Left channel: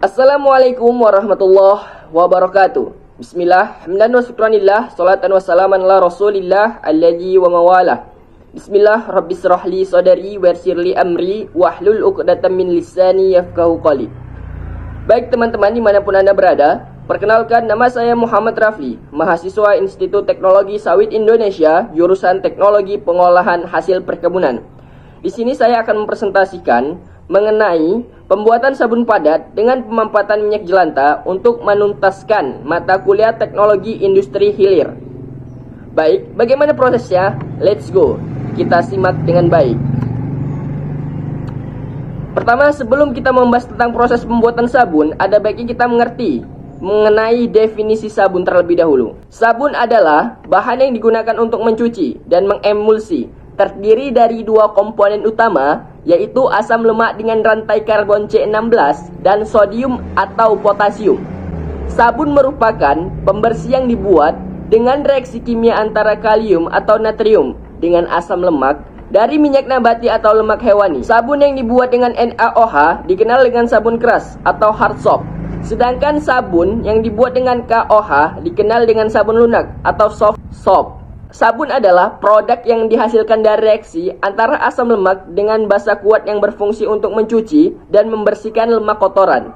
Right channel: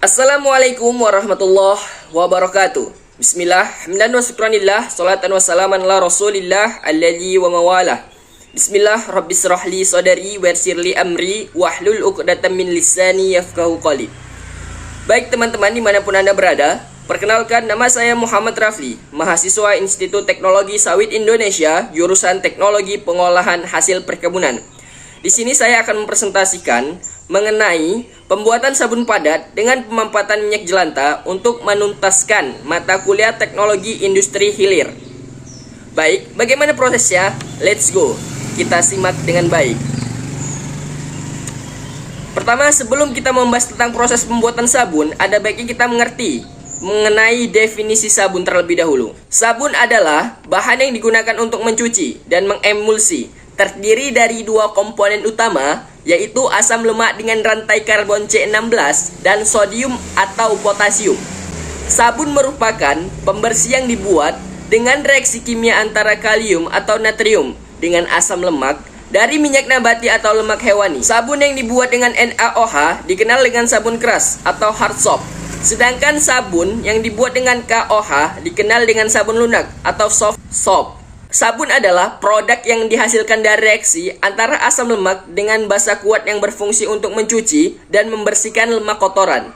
Assalamualaikum warahmatullahi wabarakatuh. Bismillah, hamdan wa syukranillah, salatan wa salaman ala rasulillah alladhi wa mawalah. Bismillah, rabbis rahli sadari wa yassirli amri wahlul uqdatam min lisani yafqahu qawli. Baik teman-teman dimanapun Anda berada, perkenalkan nama saya Muhammad Rafli, mahasiswa Institut Teknologi Sawit Indonesia, jurusan Teknologi Pengolahan Hasil Perkebunan. Di sini saya akan mempresentasikan mengenai pembuatan sabun padat dengan pemanfaatan minyak jelantah untuk menuntaskan mata kuliah teknologi industri hilir. Baik, bagaimana prosesnya? Let's go. Kita simak dengan baik. Pertama, sebelum kita membahas tentang proses pembuatan sabun, ada baiknya kita mengerti mengenai definisi sabun terlebih dahulu. Sabun adalah bahan yang digunakan untuk mencuci dan mengemulsi. Terdiri dari dua komponen utama, yaitu asam lemak dengan rantai karbon C16 dan sodium atau potasium. Sabun merupakan pembersih yang dibuat dengan reaksi kimia antara kalium atau natrium dengan asam lemak dari minyak nabati atau lemak hewani. Sabun yang dibuat dengan NaOH dikenal dengan sabun keras atau hard soap. Sedangkan sabun yang dibuat dengan KOH dikenal dengan sabun lunak atau soft soap. Sabun adalah produk yang dihasilkan dari reaksi antara asam lemak dengan basa kuat yang berfungsi untuk mencuci dan membersihkan lemak kotoran.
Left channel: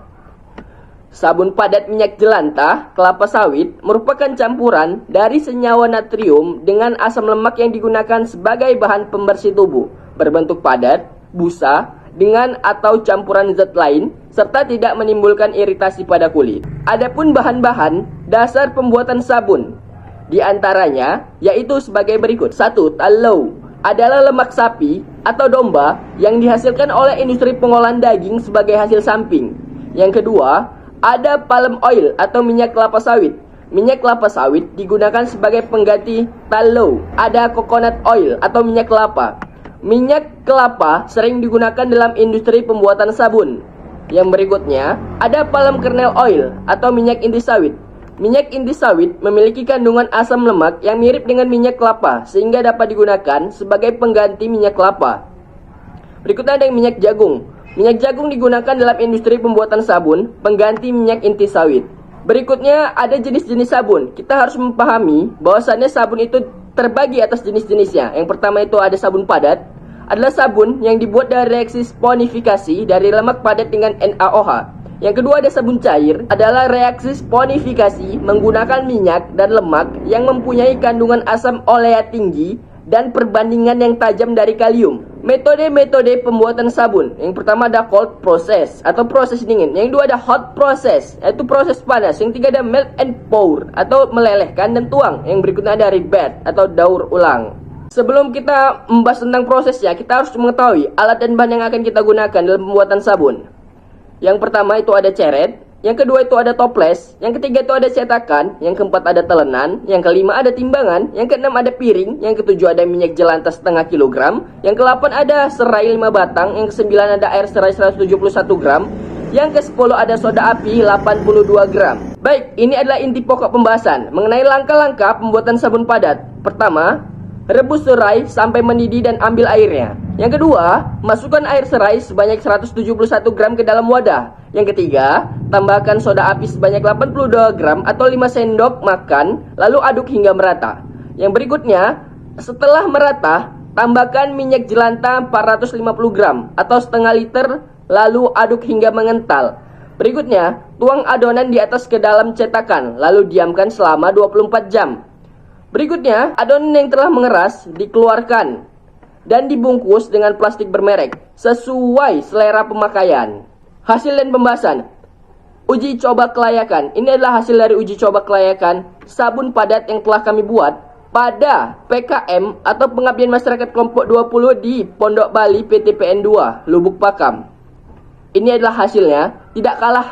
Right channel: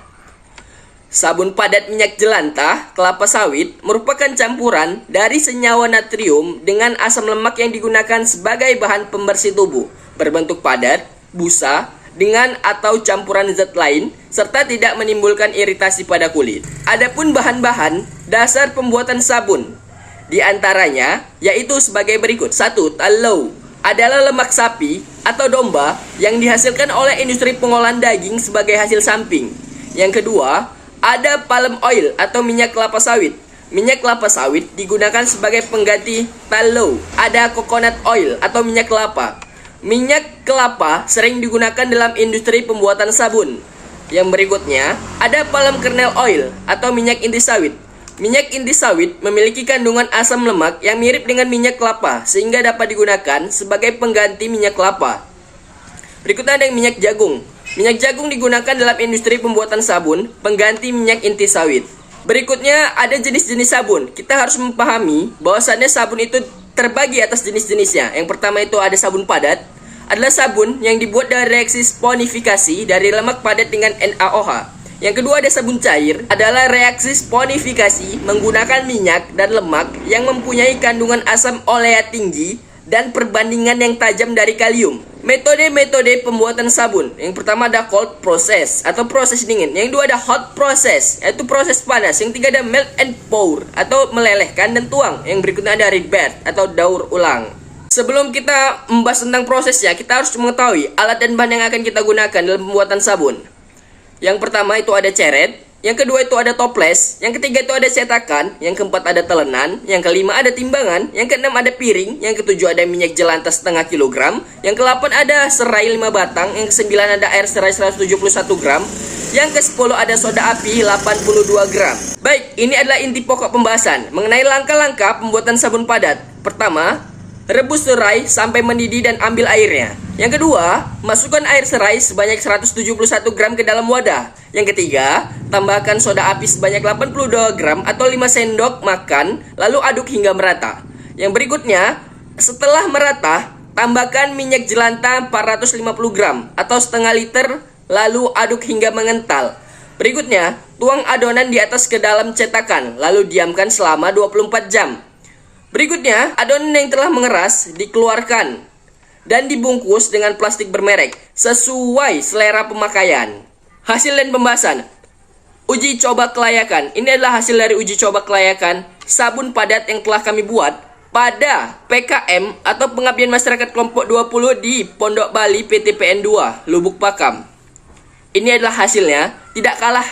Sabun padat minyak jelantah kelapa sawit merupakan campuran dari senyawa natrium dengan asam lemak yang digunakan sebagai bahan pembersih tubuh, berbentuk padat, busa, dengan atau campuran zat lain, serta tidak menimbulkan iritasi pada kulit. Adapun bahan-bahan dasar pembuatan sabun, di antaranya yaitu sebagai berikut. 1. Tallow adalah lemak sapi atau domba yang dihasilkan oleh industri pengolahan daging sebagai hasil samping. Yang kedua, ada palm oil atau minyak kelapa sawit. Minyak kelapa sawit digunakan sebagai pengganti tallow. Ada coconut oil atau minyak kelapa. Minyak kelapa sering digunakan dalam industri pembuatan sabun. Yang berikutnya, ada palm kernel oil atau minyak inti sawit. Minyak inti sawit memiliki kandungan asam lemak yang mirip dengan minyak kelapa sehingga dapat digunakan sebagai pengganti minyak kelapa. Berikutnya ada minyak jagung. Minyak jagung digunakan dalam industri pembuatan sabun, pengganti minyak inti sawit. Berikutnya ada jenis-jenis sabun. Kita harus memahami bahwasannya sabun itu terbagi atas jenis-jenisnya. Yang pertama itu ada sabun padat, adalah sabun yang dibuat dari reaksi sponifikasi dari lemak padat dengan NaOH. Yang kedua ada sabun cair, adalah reaksi sponifikasi menggunakan minyak dan lemak yang mempunyai kandungan asam olea tinggi dan perbandingan yang tajam dari kalium. Metode-metode pembuatan sabun, yang pertama ada cold process atau proses dingin. Yang kedua ada hot process, yaitu proses panas. Yang ketiga ada melt and pour atau melelehkan dan tuang. Yang berikutnya ada rebirth atau daur ulang. Sebelum kita membahas tentang prosesnya, kita harus mengetahui alat dan bahan yang akan kita gunakan dalam pembuatan sabun. Yang pertama itu ada ceret, yang kedua itu ada toples, yang ketiga itu ada cetakan, yang keempat ada telenan, yang kelima ada timbangan, yang keenam ada piring, yang ketujuh ada minyak jelantah setengah kilogram, yang ke-8 ada serai 5 batang, yang ke-9 ada air serai 171 gram, yang ke-10 ada soda api 82 gram. Baik, ini adalah inti pokok pembahasan mengenai langkah-langkah pembuatan sabun padat. Pertama, rebus serai sampai mendidih dan ambil airnya. Yang kedua, masukkan air serai sebanyak 171 gram ke dalam wadah. Yang ketiga, tambahkan soda api sebanyak 82 gram atau 5 sendok makan, lalu aduk hingga merata. Yang berikutnya, setelah merata, tambahkan minyak jelantah 450 gram atau setengah liter, lalu aduk hingga mengental. Berikutnya, tuang adonan di atas ke dalam cetakan, lalu diamkan selama 24 jam. Berikutnya, adonan yang telah mengeras dikeluarkan dan dibungkus dengan plastik bermerek sesuai selera pemakaian. Hasil dan pembahasan. Uji coba kelayakan. Ini adalah hasil dari uji coba kelayakan sabun padat yang telah kami buat pada PKM atau Pengabdian Masyarakat Kelompok 20 di Pondok Bali PTPN 2, Lubuk Pakam. Ini adalah hasilnya, tidak kalah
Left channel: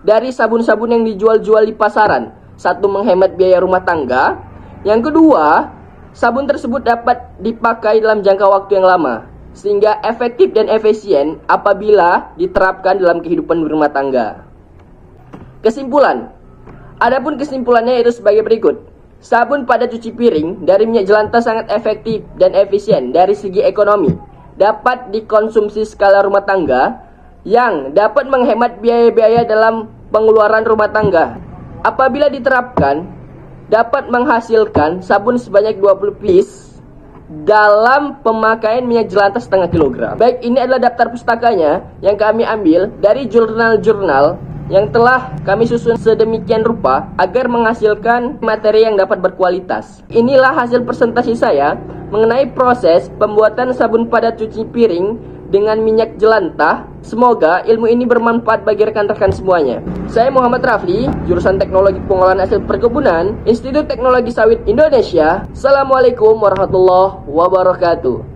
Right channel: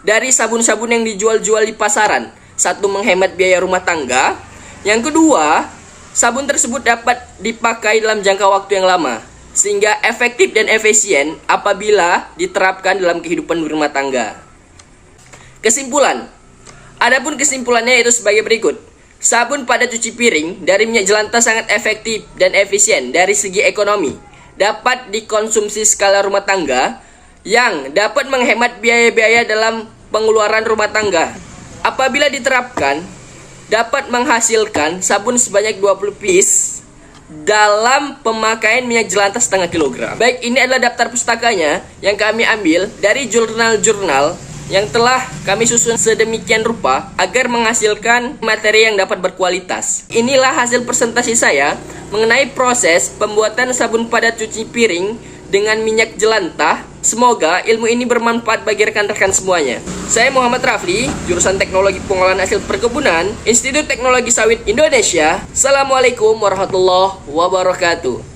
dari sabun-sabun yang dijual-jual di pasaran. Satu, menghemat biaya rumah tangga. Yang kedua, sabun tersebut dapat dipakai dalam jangka waktu yang lama, sehingga efektif dan efisien apabila diterapkan dalam kehidupan rumah tangga. Kesimpulan. Adapun kesimpulannya itu sebagai berikut. Sabun padat cuci piring dari minyak jelantah sangat efektif dan efisien dari segi ekonomi. Dapat dikonsumsi skala rumah tangga yang dapat menghemat biaya-biaya dalam pengeluaran rumah tangga. Apabila diterapkan, dapat menghasilkan sabun sebanyak 20 piece dalam pemakaian minyak jelantah setengah kilogram. Baik, ini adalah daftar pustakanya yang kami ambil dari jurnal-jurnal yang telah kami susun sedemikian rupa agar menghasilkan materi yang dapat berkualitas. Inilah hasil presentasi saya mengenai proses pembuatan sabun padat cuci piring dengan minyak jelantah. Semoga ilmu ini bermanfaat bagi rekan-rekan semuanya. Saya Muhammad Rafli, jurusan Teknologi Pengolahan Hasil Perkebunan, Institut Teknologi Sawit Indonesia. Assalamualaikum warahmatullahi wabarakatuh.